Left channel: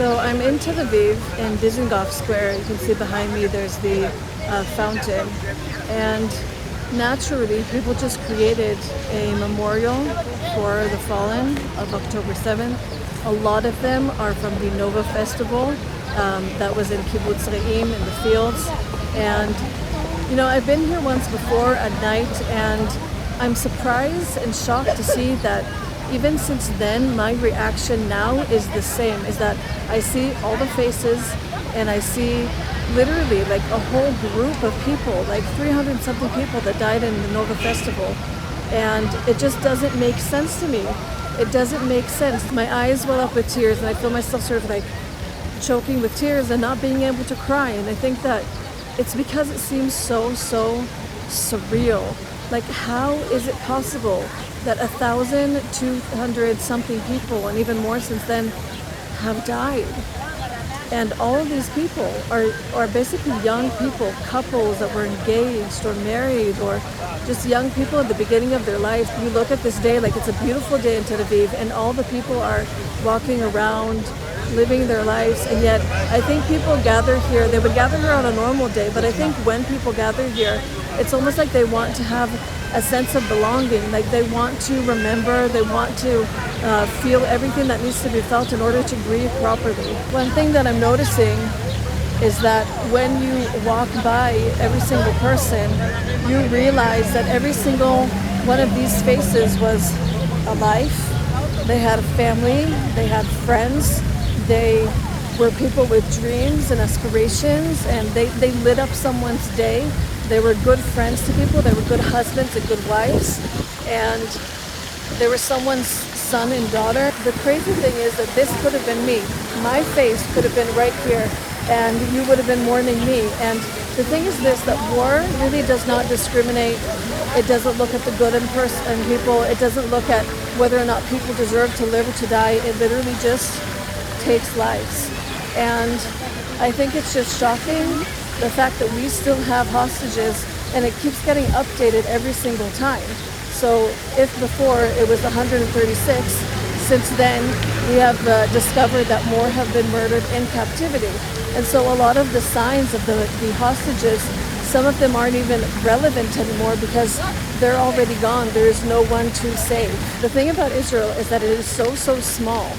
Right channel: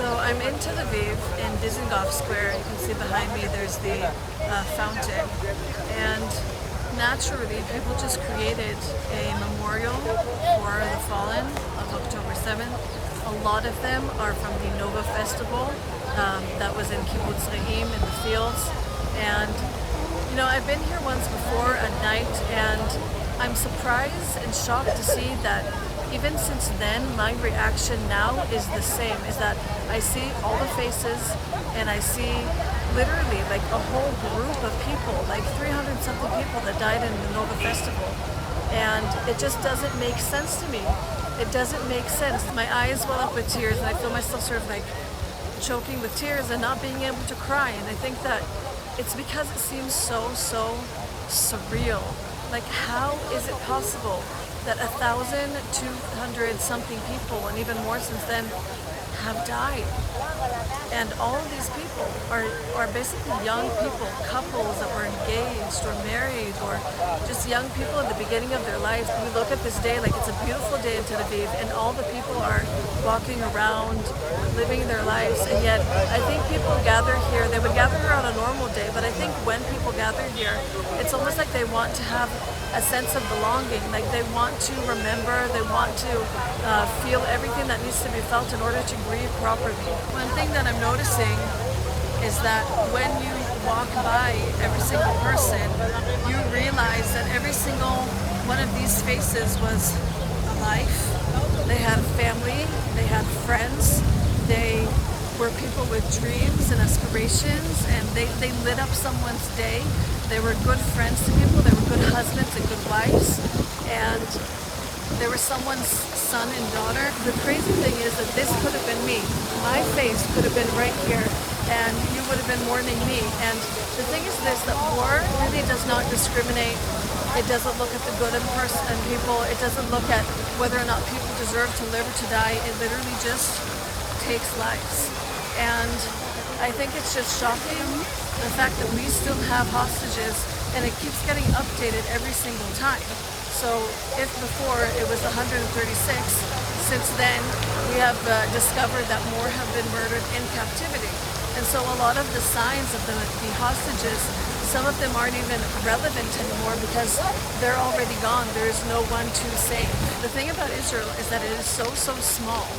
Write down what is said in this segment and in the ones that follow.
So I'm in Tel Aviv in Dizengoff Square. You can see behind me there's the fountain. And naturally, people just created a memorial for the fallen of October 7th. A lot of them are from the Nova Festival that was in Kibbutz Re'im in the fields. And you know, I've been here once before at night, and I'm surprised and shocked to see that even since then, my reaction now is the same, is that I see all the faces and I see literally like a whole group of people, like 300 something people that died in the Nova Festival. And it just doesn't make sense to me. It doesn't make sense. My eyes well up with tears and I feel myself sort of like choking with tears and not being able to cry. And I think that it's because it seems so surreal. Like, how is it possible that 1,200 something people, and even more since then, have died? And all of these people are basically young people, couples that were engaged or married, or just young people at the beginning of their life. You look at this day like it's a beautiful day in Tel Aviv, and all the people are walking around, living their lives. And yet I think people gather here, they would gather here on a normal day, but I think when people gather here, it's almost like they want to have a sense of belonging, like they want to remember, they want to feel everything that needs to be felt in order to grieve properly. One thing that I'm noticing is that when you walk by every single person, you realize that every single one of these faces was a life. They had a family, they had friends, they were people with dreams and aspirations, and they lit up someone's day. They were good friends to people, they were good husbands and good wives, and they were someone's son and daughter. The crazy thing is that this could have been me. My face could have been right here, and you would have been mourning me. And the thing is this, that war really does not discriminate. It doesn't look at the good in people. It doesn't look at whether or not people deserve to live or to die. It literally just takes lives. And I think it's just shocking, the fact that we still have hostages, and it keeps getting updated every single time. So if before it was 136, since then we have discovered that more have been murdered in captivity. And so a lot of the signs of the hostages, some of them aren't even relevant anymore because they're already gone. There is no one to save. The thing about Israel is that it is so small.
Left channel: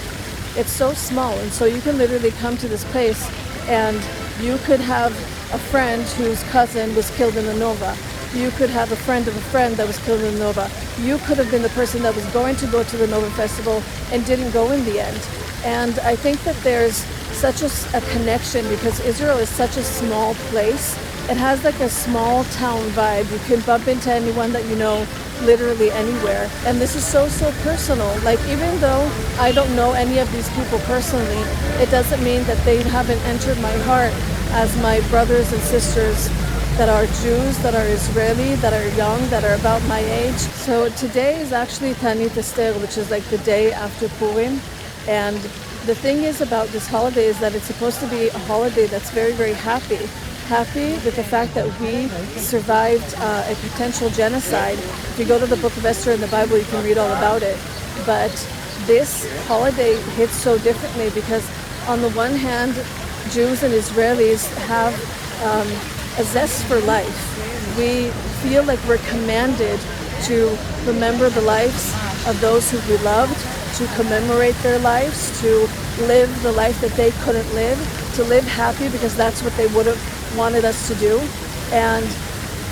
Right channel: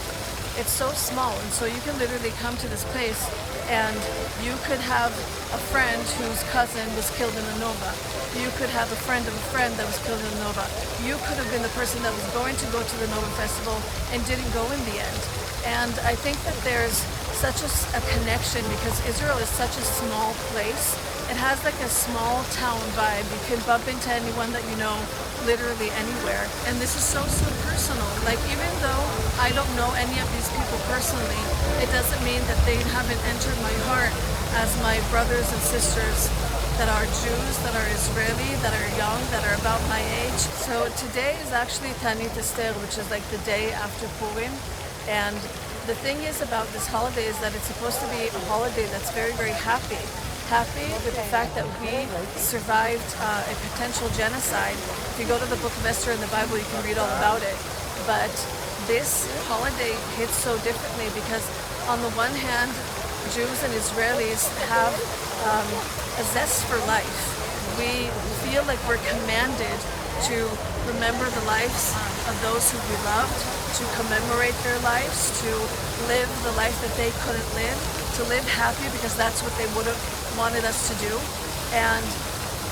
It's so small, and so you can literally come to this place and you could have a friend whose cousin was killed in the Nova. You could have a friend of a friend that was killed in the Nova. You could have been the person that was going to go to the Nova Festival and didn't go in the end. And I think that there's such a connection because Israel is such a small place. It has like a small town vibe. You can bump into anyone that you know literally anywhere. And this is so personal. Like, even though I don't know any of these people personally, it doesn't mean that they haven't entered my heart as my brothers and sisters that are Jews, that are Israeli, that are young, that are about my age. So today is actually Tanit Esther, which is like the day after Purim. And the thing is about this holiday is that it's supposed to be a holiday that's very happy. Happy with the fact that we survived a potential genocide. If you go to the book of Esther in the Bible, you can read all about it. But this holiday hits so differently because on the one hand, Jews and Israelis have a zest for life. We feel like we're commanded to remember the lives of those who we loved, to commemorate their lives, to live the life that they couldn't live, to live happy because that's what they would have wanted us to do. And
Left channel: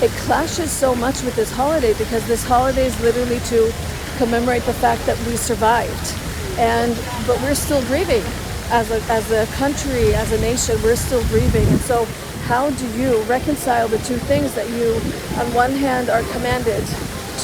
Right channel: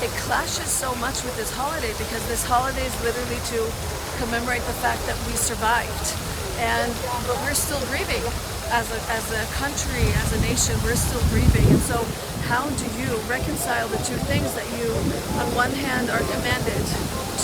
it clashes so much with this holiday because this holiday is literally to commemorate the fact that we survived. But we're still grieving. As a country, as a nation, we're still grieving. And so how do you reconcile the two things, that you on one hand are commanded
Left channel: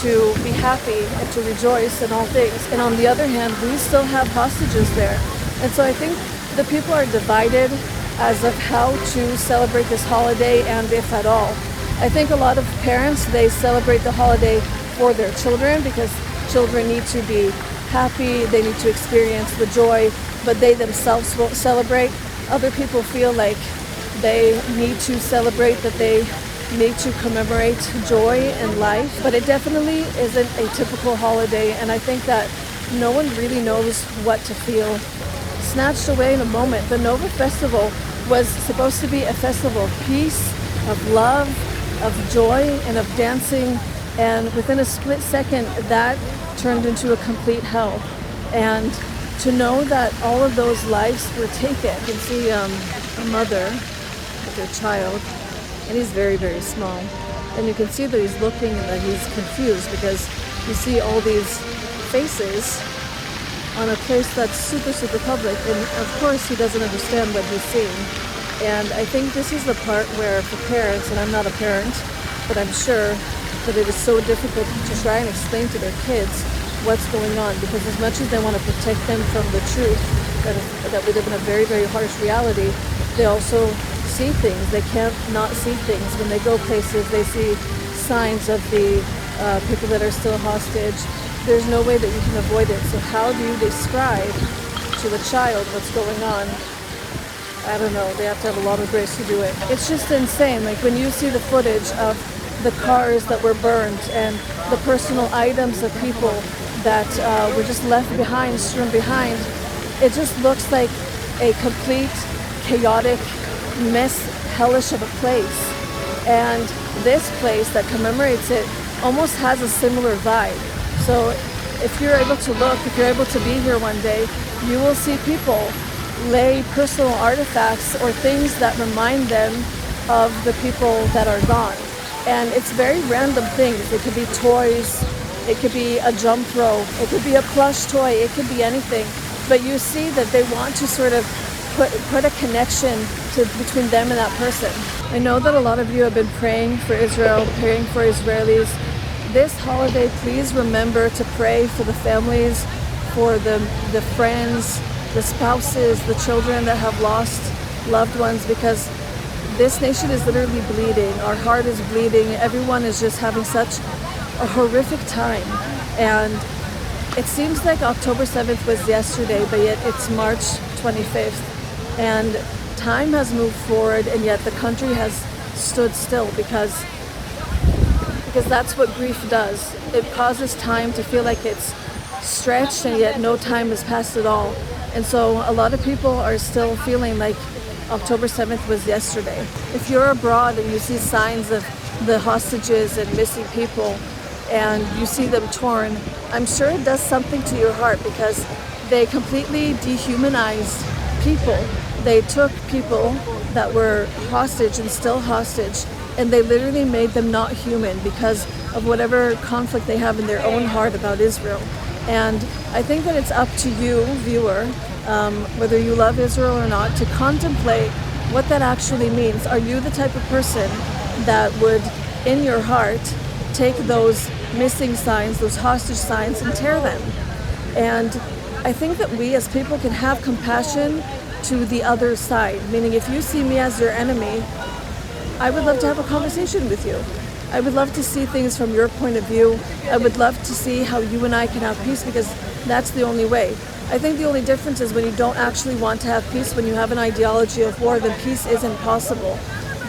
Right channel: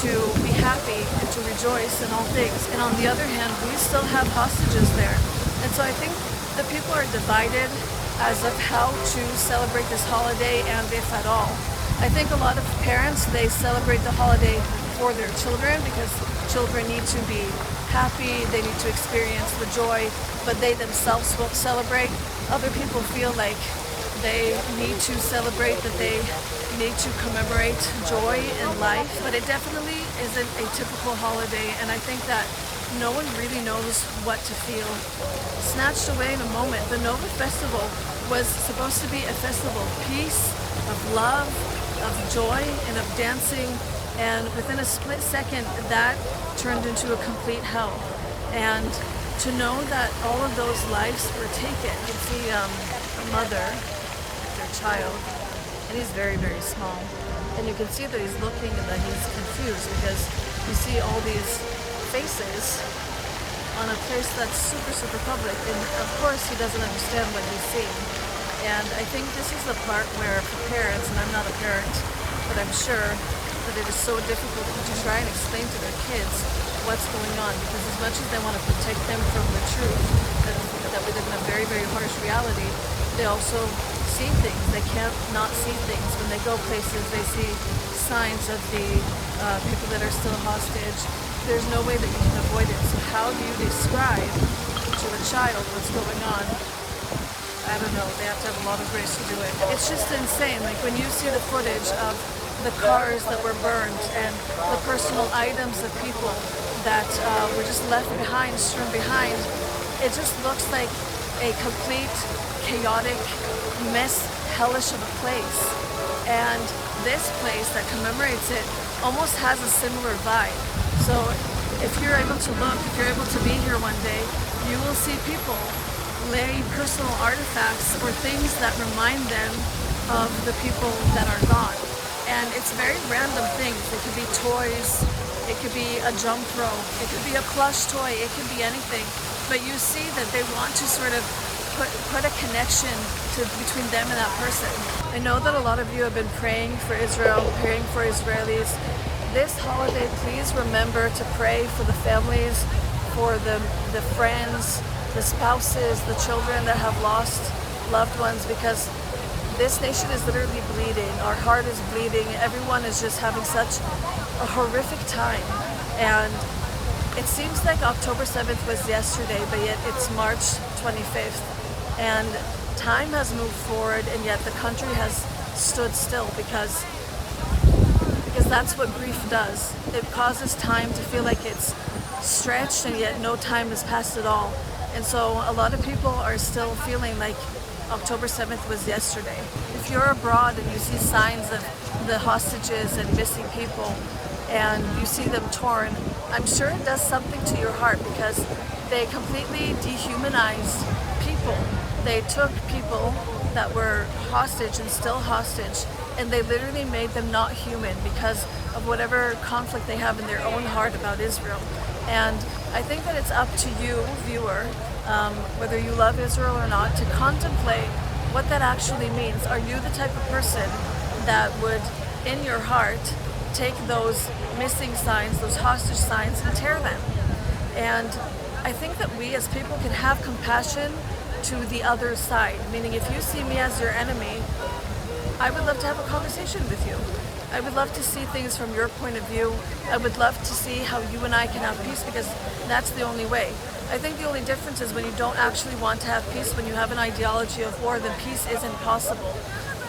to be happy and to rejoice in all things, and on the other hand we still have hostages there? And so I think the people are divided as of how to celebrate this holiday, and if at all. I think a lot of parents, they celebrate the holiday for their children because children need to be happy, they need to experience the joy, but they themselves won't celebrate. Other people feel like they need to celebrate, that they need to commemorate joy in life. But it definitely isn't a typical holiday, and I think that no one really knows what to feel. snatched away in a moment. The Nova Festival was supposed to be a festival of peace, of love, of joy, and of dancing. And within a split second, that turned into a complete hell. And to know that all of those lives were taken. You can see a mother with their child, and he's very, very small. And you can see that he's looking and that he's confused because you see all these faces on a place that's super, super public. And of course, he doesn't understand what he's seeing. And I think this is the part where for parents, and I'm not a parent, but I'm sure that it is so difficult to try and explain to their kids what's going on, because as much as they want to protect them from the truth that we live in a very, very harsh reality, they also see things. They can't not see things. When they go places, they see signs of the people that are still hostage. There's no way that you can avoid it. So how do you describe to a child what's going on? I don't know. They have to have a lot of grace to do it. It's just insane. Like when you see the footage of the cars that were burned and the personal items of people that were just left behind, strewn behind, it just looks like a complete chaotic mess, hellish of a place. And this place that commemorates it almost has a similar vibe. So if you're able to look, if you're able to be here one day, you will see people lay personal artifacts or things that remind them of the people that are gone. And it's very random things. It could be toys, it could be a jump rope, it could be a plush toy, it could be anything. But you see that they want to sort of put a connection between them and that person. I know that a lot of you have been praying for Israel, praying for Israelis. This holiday, please remember to pray for the families, for the friends, the spouses, the children that have lost loved ones, because this nation is literally bleeding. Our heart is bleeding. Everyone is just having such a horrific time. And it seems like October 7th was yesterday, but yet it's March 25th. And time has moved forward, and yet the country has stood still because that's what grief does. It causes time to feel like it's stretched, and yet no time has passed at all. And so a lot of people are still feeling like October 7th was yesterday. If you're abroad and you see signs of the hostages and missing people and you see them torn, I'm sure it does something to your heart, because they completely dehumanized people. They took people that were hostage and still hostage, and they literally made them not human because of whatever conflict they have in their own heart about Israel. And I think that it's up to you, viewer, whether you love Israel or not, to contemplate what that actually means. Are you the type of person that would, in your heart, take those missing signs, those hostage signs, and tear them? And I think that we as people can have compassion to the other side, meaning if you see me as your enemy, I would love to have a conversation with you. I would love to see things from your point of view. I would love to see how you and I can have peace, because that's the only way. I think the only difference is when you don't actually want to have peace, when you have an ideology of war, then peace isn't possible.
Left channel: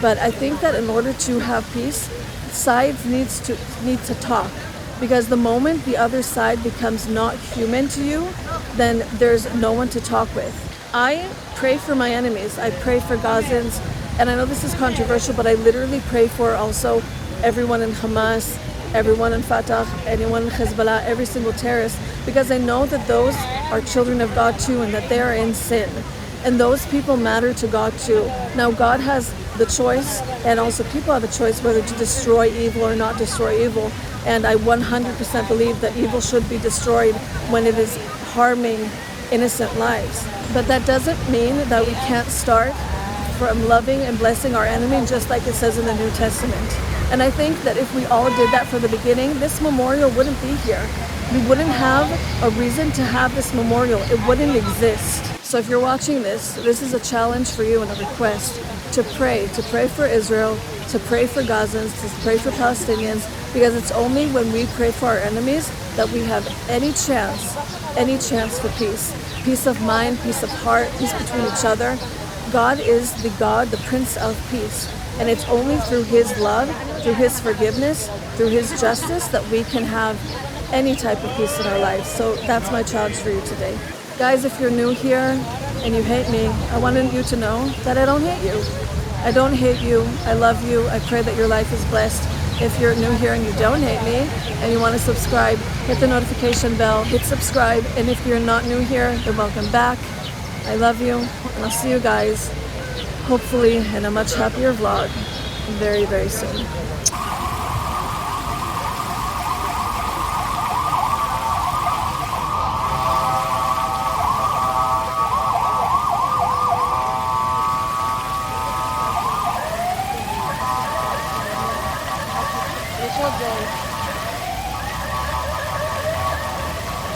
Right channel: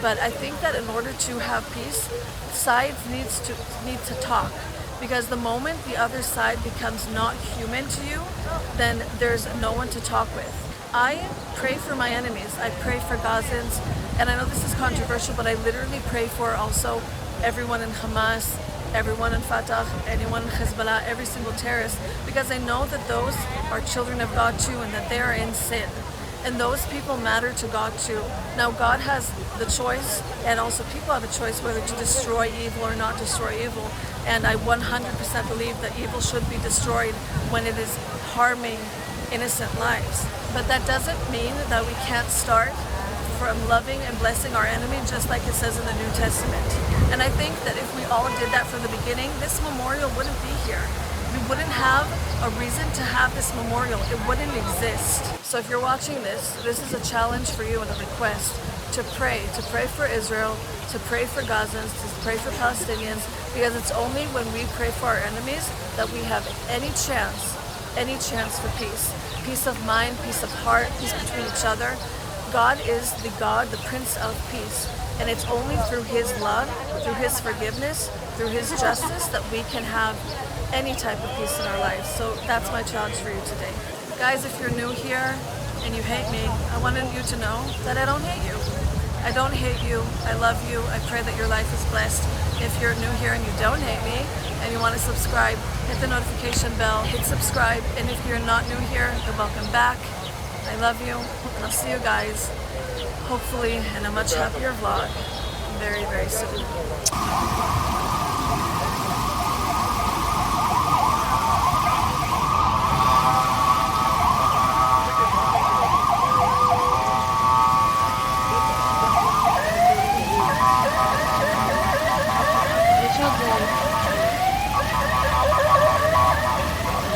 But I think that in order to have peace, sides need to talk, because the moment the other side becomes not human to you, then there's no one to talk with. I pray for my enemies. I pray for Gazans, and I know this is controversial, but I literally pray for also everyone in Hamas, everyone in Fatah, anyone in Hezbollah, every single terrorist, because I know that those are children of God too, and that they are in sin. And those people matter to God too. Now God has the choice, and also people have a choice whether to destroy evil or not destroy evil. And I 100% believe that evil should be destroyed when it is harming innocent lives. But that doesn't mean that we can't start from loving and blessing our enemy, just like it says in the New Testament. And I think that if we all did that from the beginning, this memorial wouldn't be here. We wouldn't have a reason to have this memorial. It wouldn't exist. So if you're watching this, this is a challenge for you and a request to pray for Israel, to pray for Gazans, to pray for Palestinians, because it's only when we pray for our enemies that we have any chance for peace. Peace of mind, peace of heart, peace between each other. God is the God, the Prince of Peace. And it's only through His love, through His forgiveness, through His justice that we can have any type of peace in our lives. So that's my challenge for you today. Guys, if you're new here, and you hate me, I wanted you to know that I don't hate you. I don't hate you. I love you. I pray that your life is blessed. If you're new here and you don't hate me and you want to subscribe, hit the notification bell, hit subscribe. And if you're not new here, then welcome back. I love you, and I'll see you guys hopefully in a much happier vlog very, very soon.